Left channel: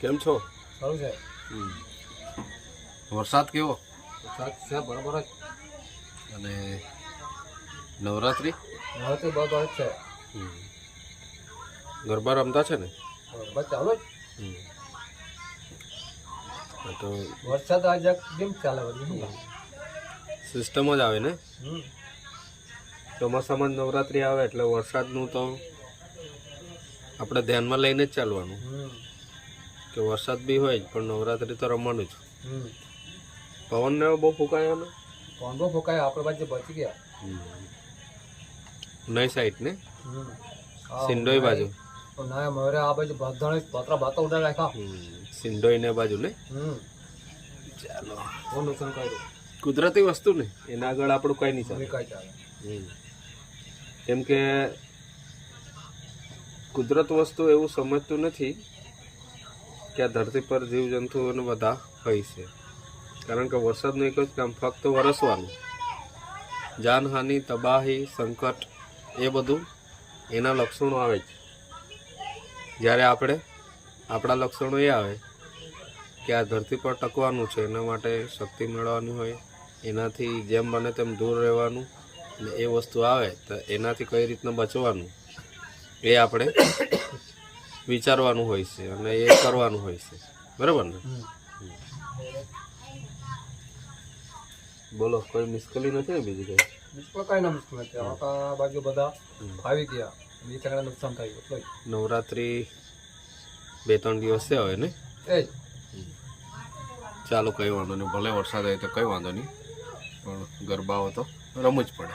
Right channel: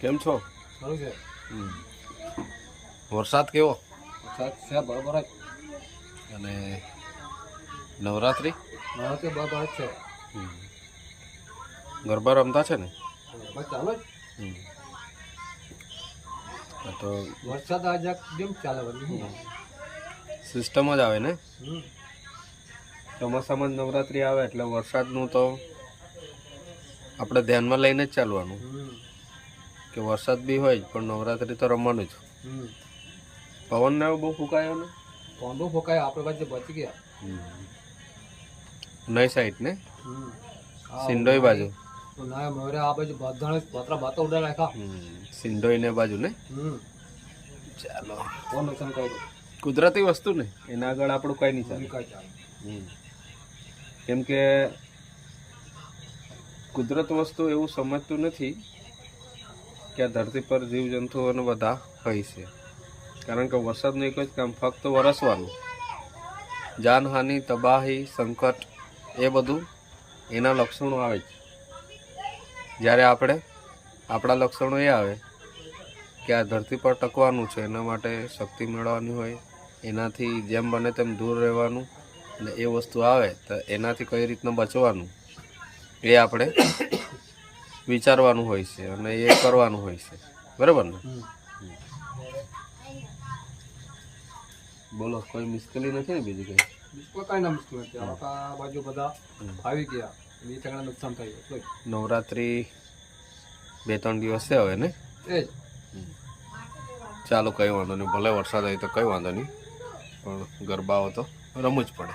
કેમ છો? સારું છે. વરસાદ કેવો? વરસાદ છે બરાબર જ. અને નવરાત્રી બરાબર જ છે. ગરબા રમતા છે ને? બસ ચાલો જ. હા તો વરસાદ આજે કેમ ચાલે બધું સિસ્ટમ જ આવે ને. ચોમાસામાં જ નવરાત્રી આવે એટલે વરસાદનું તો આપણે ધ્યાનમાં લઈને જ ચાલવાનું કે વરસાદ બી હોય પણ નવરાત્રી તો રમવાનું જ. પવન ને બહુ ફૂંકાયો ને? પવન બહુ ફૂંકાયો, આપણે બાજુ બચી ગયા. નઈ સાઈડ ને સિંડોઈ બાજુ ના મયુરે આ બાજુ બધાને પતરા બાતો ઉડાડી રાખ્યા. સિંડોઈ ને બાજુ ને. ચાલો, બહુ નુકસાન કર્યું. કુદરતી વસ્તુ ને એના આગળ આપણું કઈ નહીં ચાલે. કઈ ચાલે કેમ કે કુદરત વસ્તુ એવું સમજતું નથી કે આ ધરતી પર જીવજંતુઓને બધા હોય છે. કારણ કે વરસાદનું એક જ કામ ફક્ત વરસવાનું. જાનહાનિ, તબાહી, સંકટ એ બધું એના લક્ષણો આવે જ. જ્યારે આપણા લક્ષણો એ આવે કે આ ધરતી પર ટકવાનું છે, એના માટે શક્તિ મેળવવાની હોય, એનાથી જેમ બને તેમ દૂર રહેવાનું, અને એ વસ્તુ આવે તો એનાથી કઈ રીતના બચવાનું એ આપણે વિચારવાનું હોય છે અને એ કરવાનું હોય છે. બરાબર ને? બોલો, કોઈ મુશ્કેલી નથી ને બીજી કઈ? કઈ ના મુશ્કેલ નથી. આ બાજુ બધા આવી ગયા, બીજી તગડા નુકસાન થયું એટલે નવરાત્રી 2-3 દિવસ છે હવે ને. એ જ ચાલો, કઈ વાંધો નહીં. ભલે વરસાદ આવે તો કઈ વાંધો નહીં, પણ ગરબાઓ તો રમવું જ પડે.